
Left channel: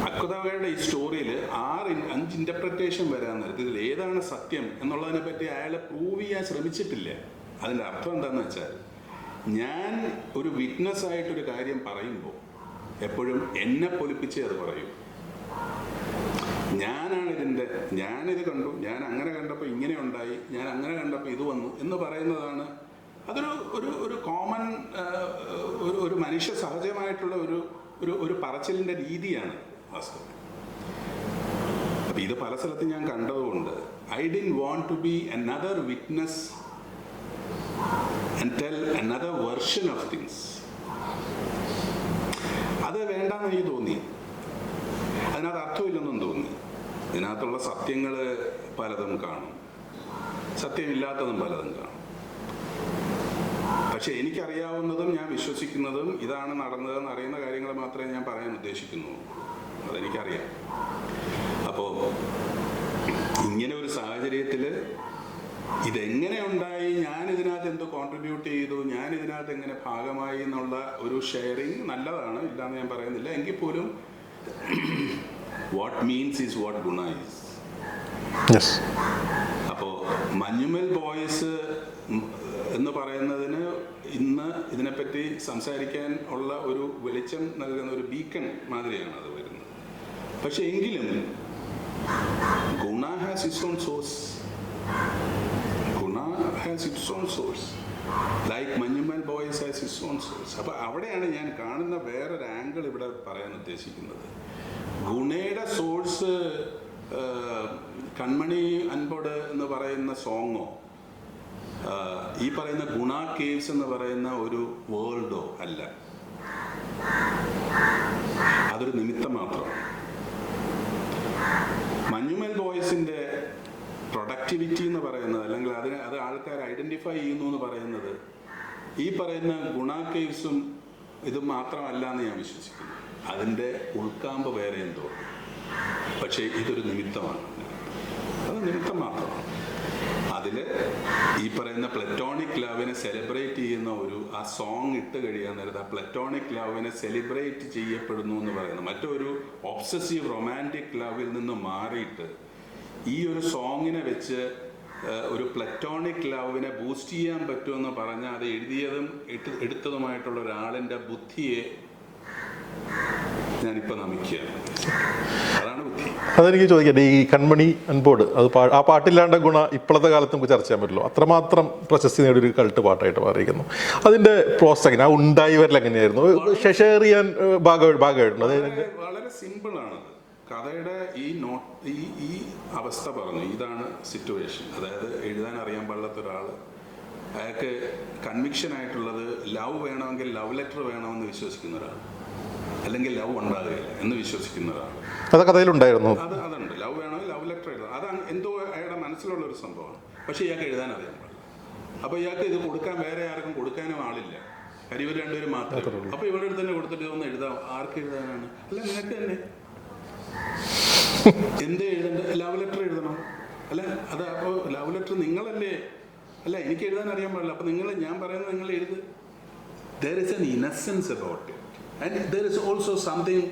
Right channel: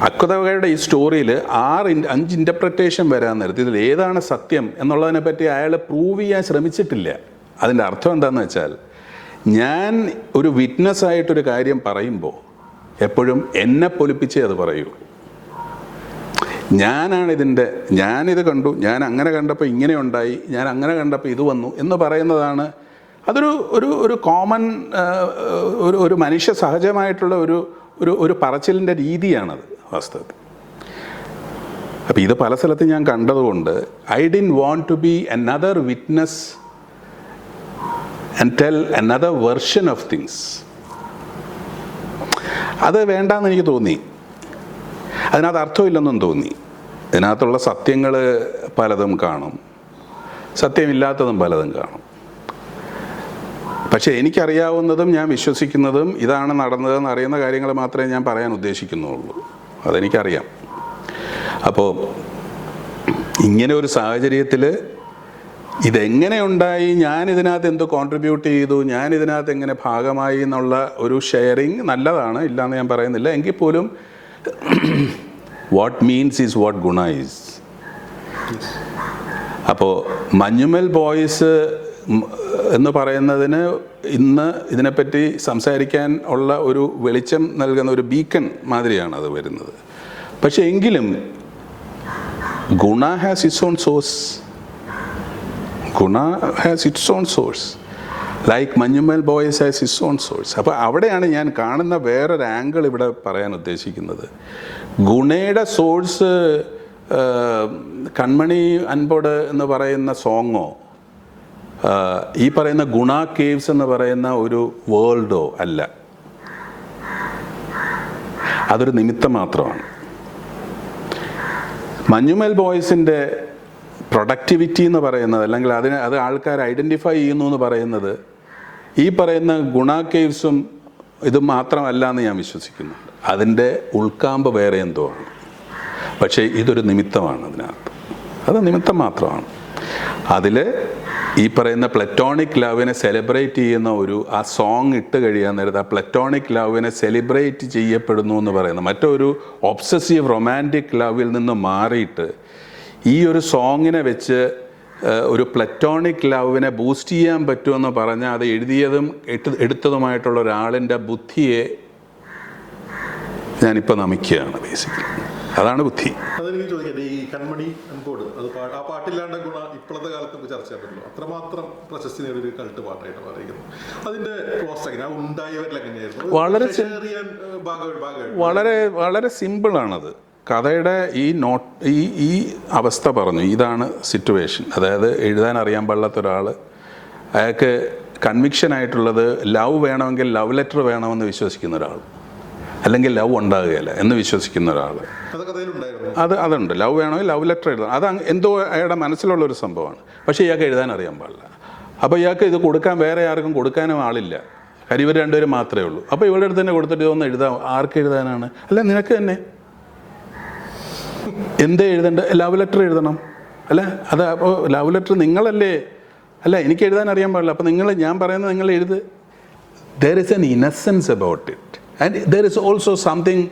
അക്വതകയുടെ ഈ സ്റ്റോറിയിൽ ആറ് അഞ്ച് ഇന്റർപ്രറ്റേഷൻ വരാൻ നേരത്തെ ഇതിൽ ഏതാണ് സത്യം എന്നുള്ളതിനെ പറ്റി അയാൾ പ്രൂവ് ചെയ്യാൻ ശ്രമിച്ചിട്ടില്ല. അതിന്റെ അർത്ഥം എന്താണെന്ന് വെച്ചാൽ ഞാൻ ഒരു വിറ്റ്നസ് ആയിട്ടൊരു കാര്യം പറയുമ്പോൾ എപ്പോഴും എന്നെ പൊലിപ്പിച്ചേ അത് പറയൂ. ഞാനാണ് ഇതിന്റെ ഞാനിത് കണ്ടു ഞാൻ അങ്ങനെ കണ്ടപ്പോൾ ഇങ്ങനെ ഉണ്ടായി ഞാൻ അങ്ങനെ കണ്ടപ്പോൾ ഇത് വന്നു എന്ന് പറയുന്നതാണ് അതൊരു ഒരു ഒരു കോമൺ ഒരു ഒരു മനുഷ്യ സഹജമായിട്ടുള്ള ഒരു ഒരു ഒരു പറച്ചിലിന്റെ രീതിയാണത് വാസ്തവത്തിൽ. അപ്പോൾ ഇത് പല സ്ഥലത്ത് ഞാൻ കണ്ടതുകൊണ്ട് I didn't want to be another witness and tell another version of things അത് വേണ്ടാന്ന് എനിക്ക് തോന്നി. അതിനകത്ത് അർത്ഥമില്ലെന്നും തോന്നി. ഇതിനകത്തുള്ള സത്യങ്ങൾ പലതും കാണും. സത്യമില്ലാത്തതും പലതും കാണും. പക്ഷേ എനിക്കറിയാവുന്നതും ഞാൻ വിശ്വസിക്കുന്നതും ഇതാണ് നടന്നതെന്ന് അറിയുന്ന കാര്യങ്ങൾ മാത്രമേ ഞാൻ പറയാൻ ഉദ്ദേശിക്കുന്നുള്ളൂ. അതെനിക്കറിയാം. അപ്പോൾ ഇങ്ങനെ ഒരു സാഹചര്യത്തിൽ ഇതെങ്ങനെ ഉണ്ടായി ഞാൻ ഇതിനകത്ത് എന്ത് കോൺട്രിബ്യൂട്ട് ചെയ്തു? ഞാൻ ഇതിനകത്ത് എങ്ങനെ ഭാഗമായി എന്നുള്ള ഒരു ഷെയറിങ് നല്ലതാണ് ഇല്ലയെന്ന് ഞാൻ പറയുന്നില്ല. എങ്കിൽ പോലും what means is what Guna is അപ്പോൾ മഞ്ഞുമൽ ബോയ്സ് എന്ന് പറയുന്നതിന് ഇന്ന് ഇതിനെപ്പറ്റി സംസാരിക്കാൻ ഉള്ള ഒരു വെളിച്ചം നൽകുന്ന ഒരു ബീക്കൺ മാതിരിയാണ് അത് വരുന്നത്. പക്ഷെ എങ്കിലും Guna has its own source Guna has its own source like Manjummel Boys has its own source അപ്പോൾ അവിടെയാണ് ഞാൻ കാണുന്ന വേറൊരു ആംഗിൾ ഇവിടെ പറയാൻ ഉദ്ദേശിക്കുന്നത്. ഗുണയുടെ സോഴ്സ് കൺമണി അൻപോട് എന്ന് പറയുന്ന സോങ്ങോ ഈ പറയുന്ന ഗുണ കേവ്സ് എന്ന് പറയുന്ന ഒരു വേൾഡോ അല്ല. അതൊരു നിമിത്തം മാത്രമാണ്. മഞ്ഞുമൽ ബോയ്സിന്റെ പ്രൊഡക്ടിവിറ്റി എന്ന് പറയുന്നത് അല്ലെങ്കിൽ അതിന് അത് ആൾക്കാർ ഐഡന്റിഫൈ ചെയ്യുന്നു എന്ന് പറയുന്നത് ഈ പറയുന്ന ഗുണ കേവ്സും ഇത് മാത്രമല്ല എന്ന് ഞാൻ വിശ്വസിക്കുന്നു. അതിന്റെ ഉൾക്കാമ്പ് വേറെ എന്തോ ആണ്. പക്ഷേ ഇതൊരു നിമിത്തമാണ് അതിനകത്ത്. അത് നിമിത്തം മാത്രമാണ്. അതിൽ ഈ പറയുന്ന പ്ലറ്റോണിക് ലവിനെ സെലിബ്രേറ്റ് ചെയ്യുന്ന ഒരു ആ സോങ് ഇട്ട് കഴിയാൻ നേരത്ത് ആ പ്ലറ്റോണിക് ലവിനെ സെലിബ്രേറ്റ് ചെയ്യപ്പെടുന്നു എന്ന് പറയുന്ന മറ്റൊരു ഒബ്സസീവ് റൊമാന്റിക് ലവിൽ നിന്ന് മാറിയിട്ട് ഈ ഒരു സോങ്ങിനെ വെച്ച് ഒരു പ്ലറ്റോണിക് ലവിനെ ബൂസ്റ്റ് ചെയ്യാൻ പറ്റുമെന്ന് പറഞ്ഞാൽ അത് എഴുതിയതും എടുത്തതുമായിട്ടുള്ള ഒരാളിന്റെ ബുദ്ധിയെ ഞാനിപ്പോൾ നമിക്കുകയാണ് ബേസിക്കലി അതാണ് ബുദ്ധി. അതെനിക്ക് ചോദിക്കട്ടെ ഈ കൺമണി അൻപോട് അത് ആ പാട്ടില്ലാണ്ട ഗുണ ഇപ്പോഴത്തെ കാലത്ത് നമുക്ക് ചർച്ച ചെയ്യാൻ പറ്റുള്ളൂ അത്രമാത്രം പ്രശസ്തി നേടിയ ഒരു കൾട്ട് പാട്ടായിട്ട് മാറിയിരിക്കുന്നു. അതിന്റെ പ്രോസസ് എങ്ങനെ ആ ഉണ്ടായി വരൽ എങ്ങനെയായിരുന്നു? വളരെ ഷെയർ ചെയ്യാൻ ഭാഗമായിട്ട് വളരെ വളരെ സിമ്പിളാണത്. കഥയുടെ ഈ നോട്ട് ഈ ഈ അവസ്ഥ പറഞ്ഞു. ഇതാണ് സിറ്റുവേഷൻ അതായത് എഴുതാൻ അറിയാൻ പാടില്ലാത്ത ഒരാൾ അയാൾക്ക് കൺവിക്ഷൻ ആയിട്ടുള്ളത് ലവ് വേണമെങ്കിൽ ലവ് ലെറ്റർ വേണമെന്ന് വിശ്വസിക്കുന്ന ഒരാൾ. അല്ലെങ്കിൽ ലവ് ഉണ്ടാകുകയില്ല എന്ന് വിശ്വസിക്കുന്ന ഒരാൾ. അത് കഥയിലുണ്ടായിരുന്നു. അത് അതുണ്ട്. ലവ് വേണമെങ്കിൽ ലവ് ലെറ്റർ എഴുതാം. അത് എന്തോ അയാളുടെ മനസ്സിലുള്ള ഒരു സംഭവമാണ്. പക്ഷേ ഇയാൾക്ക് എഴുതാൻ അറിയാൻ പാടില്ല. അപ്പോൾ ഇയാൾക്ക് ഇത് കൊടുക്കാൻ വേറെ ആർക്കും കൊടുക്കാനും ആളില്ല. കാര്യം ഇവർ രണ്ടുപേരും മാത്രമേ ഉള്ളൂ. അപ്പോൾ ഇവരുടെ അടുത്ത് തന്നെ കൊടുത്തിട്ട് ഒന്ന് എഴുതാം. ആർക്ക് എഴുതാനാണ്? അല്ല നിനക്ക് തന്നെ. എന്തേ എഴുതണ്ട? ലവ് ലെറ്റർ എഴുതണം. അല്ല? അത് അപ്പോൾ ലവ് ലെറ്റർ നിങ്ങളല്ലേ? അല്ല എനിക്ക് എഴുതാൻ അറിയാൻ പാടില്ല. അപ്പോൾ നിങ്ങൾ ഞാൻ പറയുന്നത് നിങ്ങൾ എഴുത്. There is an innocence about it. And there is also something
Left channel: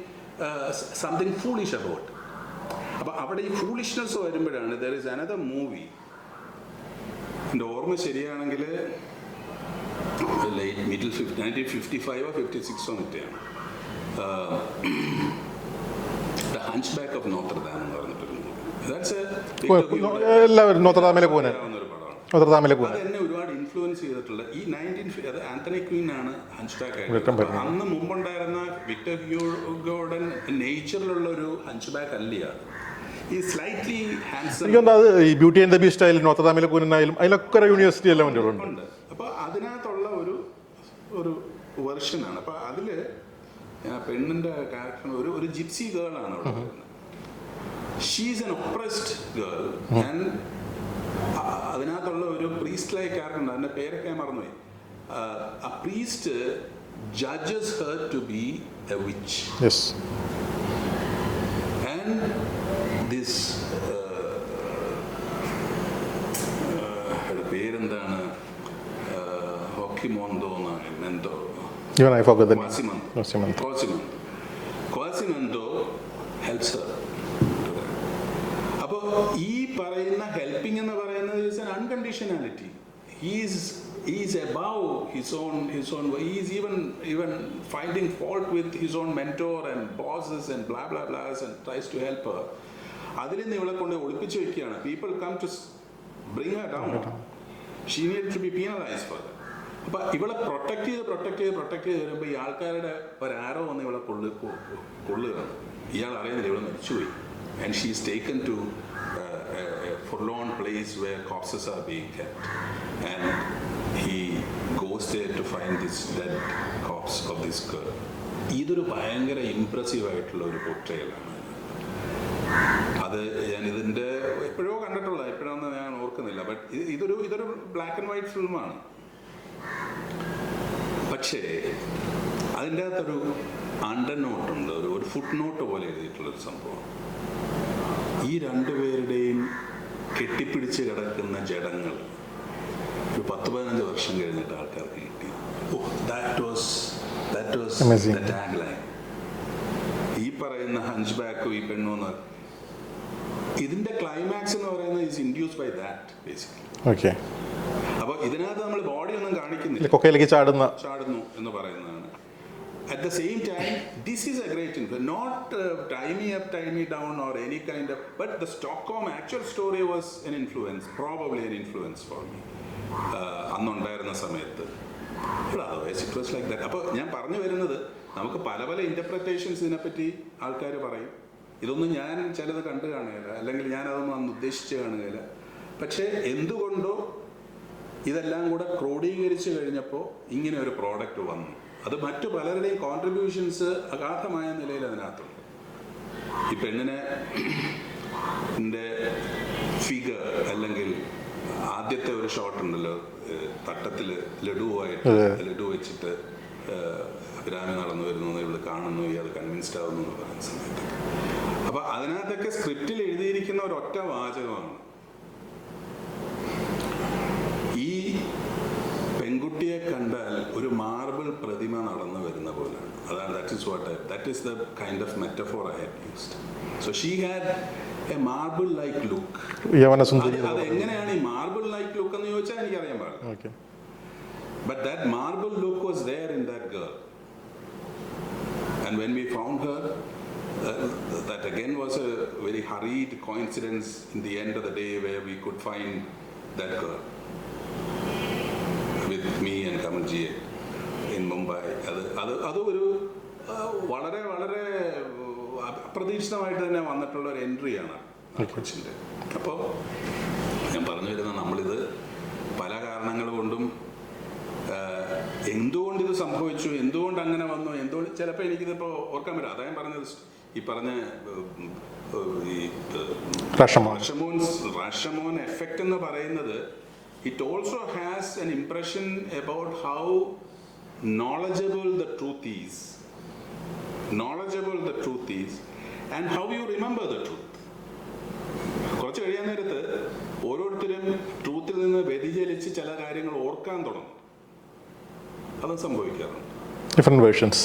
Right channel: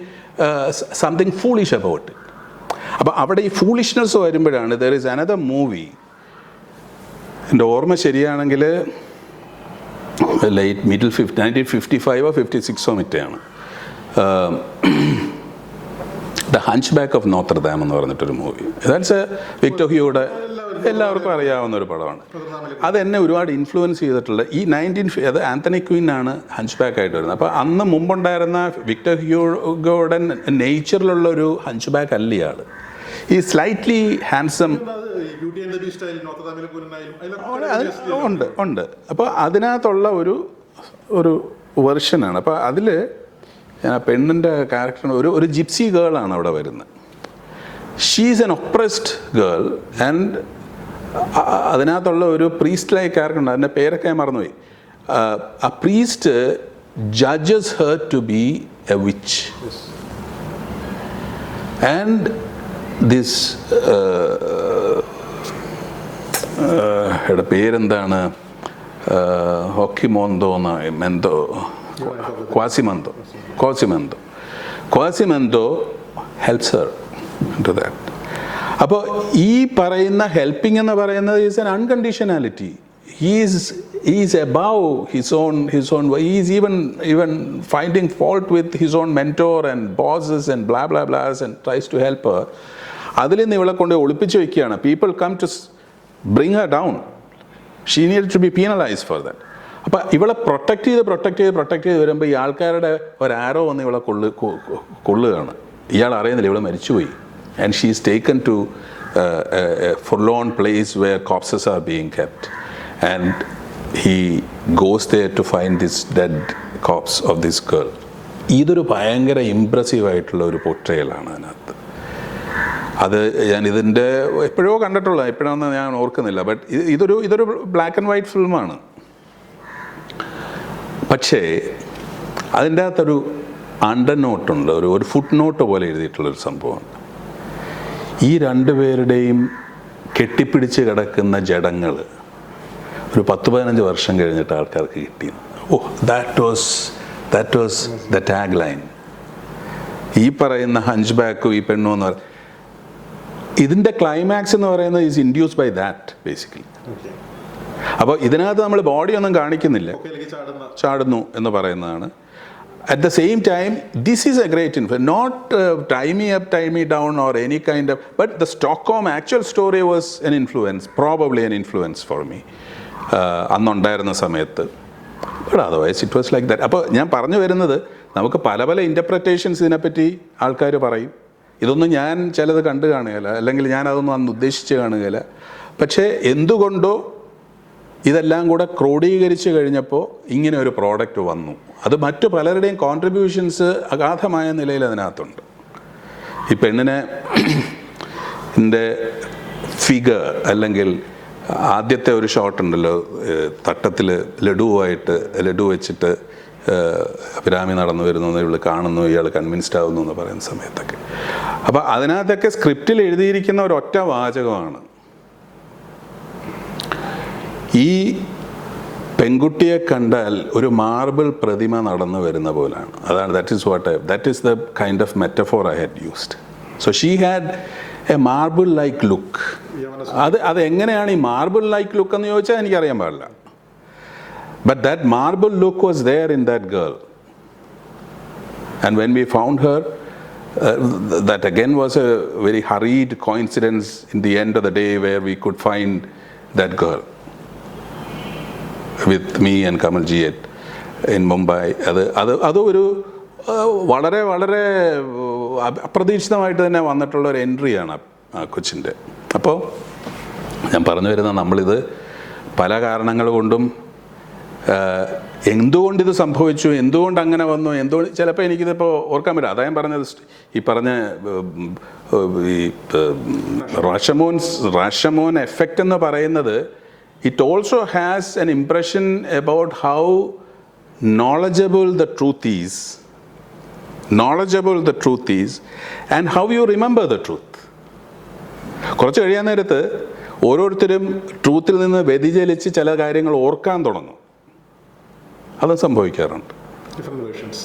something foolish about അപ്പോൾ അവിടെ ഈ ഫൂളിഷ്നെസ് വരുമ്പോഴാണ് ദർ ഇസ് അനദർ മൂവി എന്റെ ഓർമ്മ ശരിയാണെങ്കിൽ late middle fifty nineteen fifty ഫൈവോ fifty സിക്സോ മറ്റാണ് the hunchback of Notre Dame എന്ന് പറഞ്ഞിട്ടൊരു മൂവി ദാറ്റ്സ് എ വിക്ടർ ഹ്യൂയുടെ അറിയാവുന്ന ഒരു പടമാണ്. അത് എന്നെ ഒരുപാട് ഇൻഫ്ലുവൻസ് ചെയ്തിട്ടുള്ള ഈ നയന്റീൻ അത് ആന്റണി ക്വീൻ ആണ് ഹഞ്ച് ബാക്ക് ആയിട്ട് വരുന്നത്. അപ്പോൾ അന്ന് മുമ്പുണ്ടായിരുന്ന വിക്ടർ ഹ്യൂഗോയുടെ നേച്ചറിലുള്ള ഒരു ഹഞ്ച് ബാക്ക് അല്ല ഇയാൾ ഈ സ്ലൈറ്റ്ലി ഹാൻസം ഈ ബ്യൂട്ടി ആൻഡ് ദ ബീസ്റ്റ് ആയാലും കൂനായാലും അതിലൊക്കെ ഉണ്ട് അപ്പോൾ അതിനകത്തുള്ള ഒരു ഒരു വെർഷനാണ് അപ്പോൾ അതിൽ ഞാൻ ആ പെണ്ണിന്റെ ക്യാരക്ടർ ഒരു ഒരു ജിപ്സി ഗേളാണ് അവിടെ വരുന്നത്. She's an oppressed girl and അതിനകത്തുള്ള ഒരു പ്രീസ്റ്റ് ലൈക്ക് ക്യാരക്ടർ ഉണ്ട്. അതിന്റെ പേരൊക്കെ ഞാൻ മറന്നുപോയി. ആ, priest judges her to be a witch and this പേരെന്താണ്? ഹോക്കിമോന്തോന്ന് മെന്തോ Even I forgot the- Quasimodo Quasimodo. Quasimodo Quasimodo helps her to that അപ്പോൾ ഈ പറയുന്ന ഹെൽപ്പിംഗ് എന്ന് പറയുന്നത് is an unconditionality he's is above his own his own is even even finding fault with his own mentor and bosses and bla bla blas and tries to help her അതിൽ നിന്ന് ഇവളെ കൊണ്ട് ഒളിപ്പിച്ച് വെക്കുകയാണ്. People come to bring her down she need to be penalise for that അപ്പം ഇവളെ protect ചെയ്ത് protect ചെയ്ത് പ്രൊട്ടക്ട് ചെയ്ത് വരുമ്പോൾ ഈ ആൾക്കാരുടെ ഒരു ആരോ വന്ന് ഇവളെ കൊള്ളു കൊള്ളുകയാണ്. ഇയാൾ അറിയുന്നില്ല ഇവളെ മരിച്ചുപോയി. And she is taken to forlorn place where corpses are being kept and he goes there to find this dead corpse of this girl ഇതൊരു ഭയങ്കര ഇമ്പ്രസീവ് ആയിട്ടുള്ള ഒരു പൊട്ടയലാണ് അതിനകത്ത്. അത് ഞാൻ ഇതിന്റെ എപ്പോഴോ കണ്ടിട്ടുള്ള എപ്പോഴാണെന്ന് ഞാൻ ഓർക്കുന്നില്ല. ബട്ട് ഇതൊരു ഇതൊരു ബ്ലാക്ക് ആൻഡ് വൈറ്റ് ഫിലിമാണ് പക്ഷേ അതിന്റെ അകത്തൊരു അണ്ടർ നോട്ടുണ്ട് ഒരു ഒരു ഫുട് നോട്ട് പോലെ എഴുതിയിട്ടുള്ളൊരു സംഭവം. ഈ രണ്ടുപേരുടെയും കെട്ടിപ്പിടിച്ച് കിടക്കുന്ന ജഡങ്ങൾ ഒരു പത്ത് പതിനഞ്ച് വർഷം കഴിഞ്ഞിട്ട് ആൾക്കാർക്ക് കിട്ടി. ഓ that was that was the tag line ഈ പറയുന്ന ഹഞ്ച് ബാക്കും ഈ പെണ്ണു എന്ന് പറയുന്നത് ഇതിന്റെ ക്ലൈമാക്സ് എന്ന് പറയുന്നത് is induce by that basically okay അപ്പോൾ ഇതിനകത്ത് നമ്മൾ ബോഡി ഒന്നും കാണിക്കുന്നില്ല. കൊക്കയിലേക്ക് ചാടുന്ന ചാടുന്നു എന്ന് പറയുന്നതാണ്. At the same time this is a great influence not tie me up tie me down or any kind of but the Stockholm actual story was an influence probably an influence for me അന്നുണ്ടായിരുന്ന സമയത്ത്. But otherwise it was like that അപ്പോൾ ഞാൻ പറഞ്ഞു വരുന്നത് നമുക്ക് പല പല ഇന്റർപ്രറ്റേഷൻസ് ഇതിനെപ്പറ്റി ആൾക്കാർ പറയും. ഇതൊന്നും ഞാൻ ചിലത് കണ്ടു കാണുകയില്ല. അല്ലെങ്കിൽ ഞാൻ അതൊന്നും അന്ന് ഉദ്ദേശിച്ച് കാണുകയില്ല. പക്ഷേ എന്തുകൊണ്ടോ ഇതെല്ലാം കൂടെ ക്രോഡീകരിച്ച് കഴിഞ്ഞപ്പോൾ ഇങ്ങനെ ഒരു പ്രോഡക്റ്റ് വന്നു. അത് മറ്റു പലരുടെയും കോൺട്രിബ്യൂഷൻസ് അഗാധമായ നിലയിൽ അതിനകത്തുണ്ട്. ഈ പെണ്ണിനെ [CLEARS THROAT] എന്റെ ഫിഗർ അല്ലെങ്കിൽ ആദ്യത്തെ ഒരു ഷോട്ട് ഉണ്ടല്ലോ തട്ടത്തിൽ ലഡുവായിട്ട് ലഡു വെച്ചിട്ട് അഭിരാമി നടന്നു വരുന്നു ഇവൾ കാണുന്നു ഇയാൾ കൺവിൻസ്ഡ് ആവുന്നു എന്ന് പറയുന്ന സമയത്തൊക്കെ. അപ്പോൾ അതിനകത്തൊക്കെ സ്ക്രിപ്റ്റിൽ എഴുതിയിരിക്കുന്ന ഒരൊറ്റ വാചകമാണ്. ഈ പെൺകുട്ടിയെ കണ്ടാൽ ഒരു മാർബിൾ പ്രതിമ നടന്നു വരുന്ന പോലാണ്. അതാണ് that is what I that is the kind of metaphor I had used so she had a marble like look അത് അത് എങ്ങനെയാണ് ഈ മാർബിൾ ലൈക്ക് ലുക്ക് എന്ന് ചോദിച്ചാൽ എനിക്കറിയാൻ പാടില്ല. But that marble look was there in that girl and when we found her that again was a very hurried very in the end of the day the we could find that find that me and Kamal and Kamal in Mumbai. അത് അത് അത് ഒരു വളരെ വളരെ അപ- അപ്രതീക്ഷിതമായിട്ട് തന്നെ വന്നിട്ടുള്ള ഒരു എൻട്രിയാണ് ആ കൊച്ചിന്റെ. അപ്പോൾ ഞാൻ പറഞ്ഞു വരുന്ന നമ്മളിത് പല കാരണങ്ങൾ കൊണ്ടും എന്തുകൊണ്ട് ഇത് സംഭവിച്ചു എന്തുകൊണ്ട് അങ്ങനെ വന്നു എന്തുകൊണ്ട് ചിലപ്പോൾ എനിക്കിതിപ്പോൾ ഓർക്കാൻ പറ്റും അതാ ഞാൻ പറഞ്ഞത് ഈ പറഞ്ഞ ഈ റഷമോൻ. റാഷമോൻ എഫക്റ്റ് എന്ന് പറയുന്നത് it also has an impression about how knowledgeable the truth is knowledgeable the truth is and how you remember the truth കുറച്ച് കഴിയാൻ നേരത്ത് ഓരോരുത്തരും ട്രൂത്തിൽ നിന്ന് വ്യതിചലിച്ച് ചില കാര്യങ്ങൾ ഓർക്കാൻ തുടങ്ങും. അത് സംഭവിക്കാറുണ്ട്. Different versions